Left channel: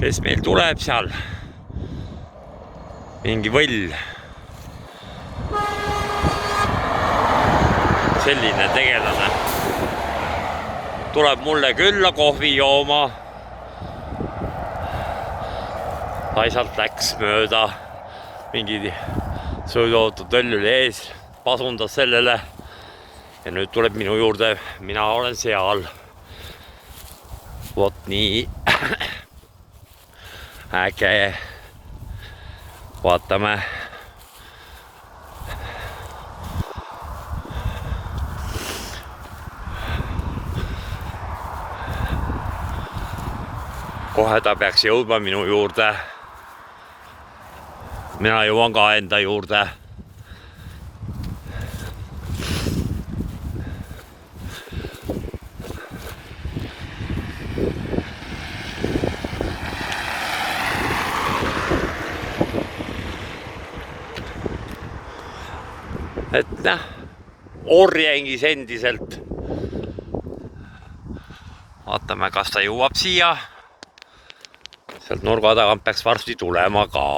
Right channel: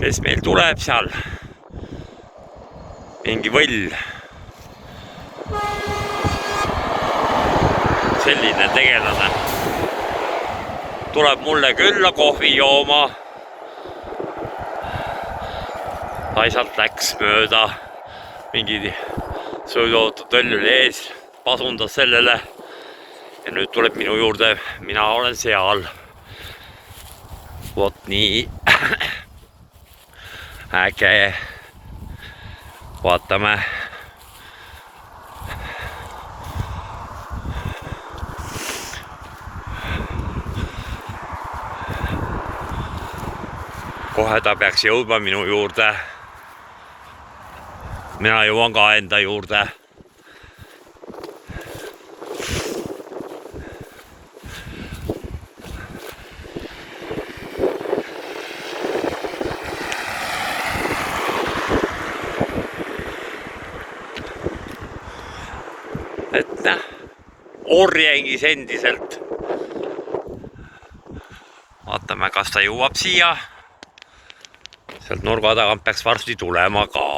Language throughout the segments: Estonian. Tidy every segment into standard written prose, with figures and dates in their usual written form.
kes meil tuleb seal? Mingi võll. Selline tegelane. Tuleb mulle külla kohvi jooma. Laisalt läks mööda. Mingi sõiduauto tõllül ees. Pasundas sellele. Ja nüüd tuleb minu juurde. Mina olen seal. Vot nii. Äge. Vaatame. Kohe ta peaks jõudma minu juurde. Mina jõuan ka enda juurde. Et näh, orjengis endiselt. Vaatame, kas ta jõuab siia. Sealt nurga tagant peaks varsti tulema ka.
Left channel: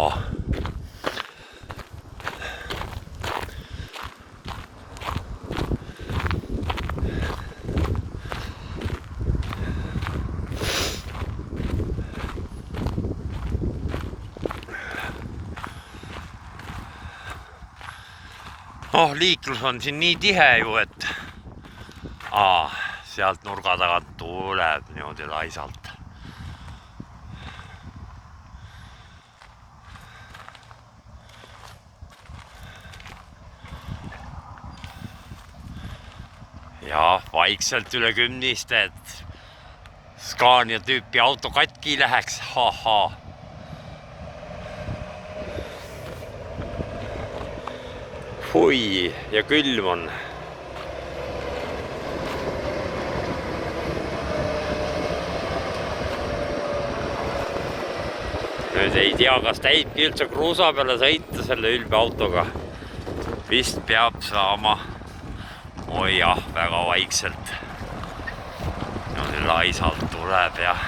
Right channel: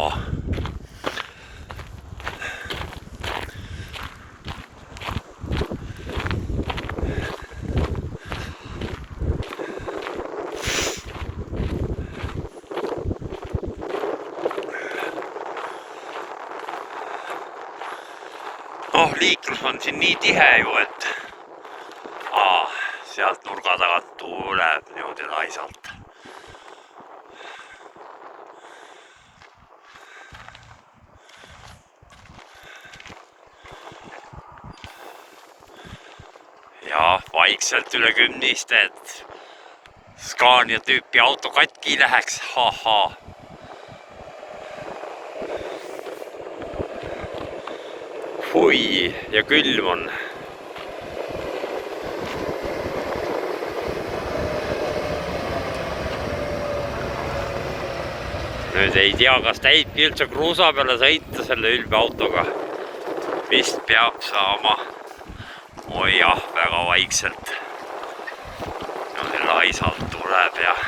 Liiklus on siin nii tihe ju, et sealt nurga tagant tuleb niimoodi laisalt. Ja vaikselt üle kümnist, et Scania tüüpi auto katki läheks. Hui, ja külm on. Nüüd ei tea, kas täitki üldse kruusa peale sõita selle ülbe autoga. Vist peab saama. Oi jah, väga vaikselt. Laisalt tuleb ja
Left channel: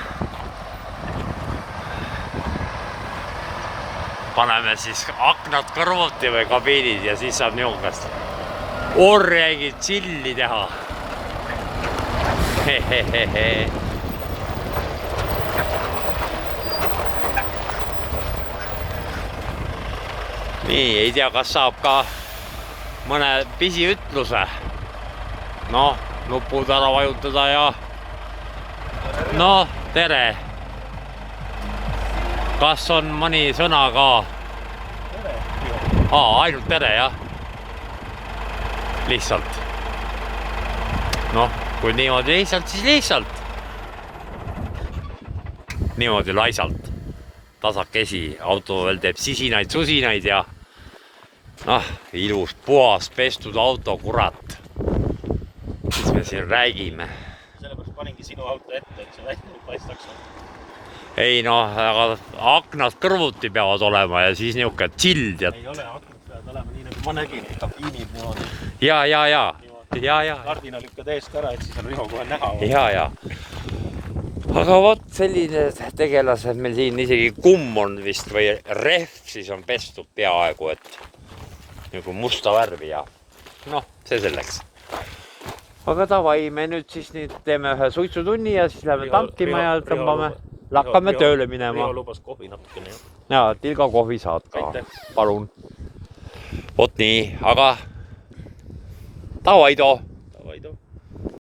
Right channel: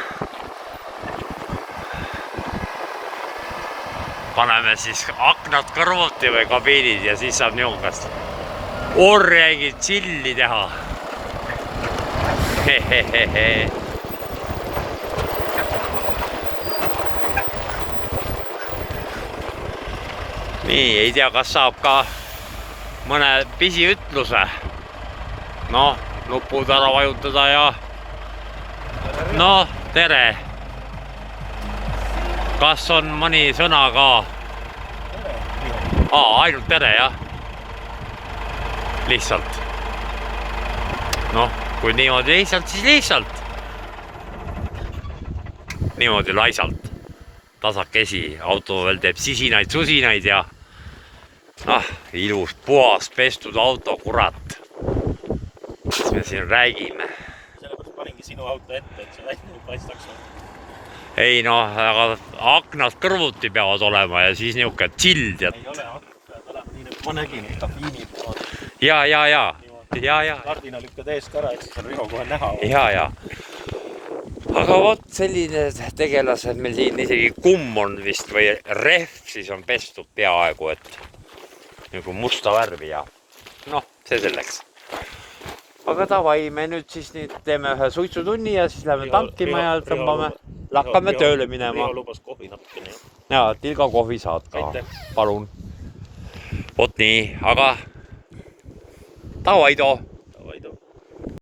paneme siis aknad kõrvuti või kabiinid ja siis saab niukast orjengid chilli teha. Nii, ei tea, kas saab ka mõne pisiütluse. Noh, nupud ära vajutada ja tere. Kas on mõni sõna ka? Ainult tere, jah. Lihtsalt. Kui niimoodi lihtsalt, siis lihtsalt. Niimoodi laisalt. Tasakesi. Auto veel teeb sisinaid, susinaid ja ilus, puhas, pestud auto, kurat. Mis me siin räägime? Sellepärast paningi sinu auto ette, et see välja paistaks. Ei aga aknad kõrvuti peavad olema ja siis niuke chill. Ei ole, aknad peavad olema nii nagu ma nägin, kabiinid niimoodi. Ja. Kardina lükkad ees ka ära, et see on Riho kohe näha. Ja. Aga vot selline tegelased meil siin isegi kumm on vist või rehv siis on pestud peaaegu, et nagu musta värvi ja see selleks. Aga davai, me nüüd siis teeme ühe suitsutunni ja siis läheme tankima ja tõmbame. Lakkame tööle minema. Riho lubas kohvi natukene. Ja, tilga kohvi saad ka. Palun. Vot nii, aga davai too.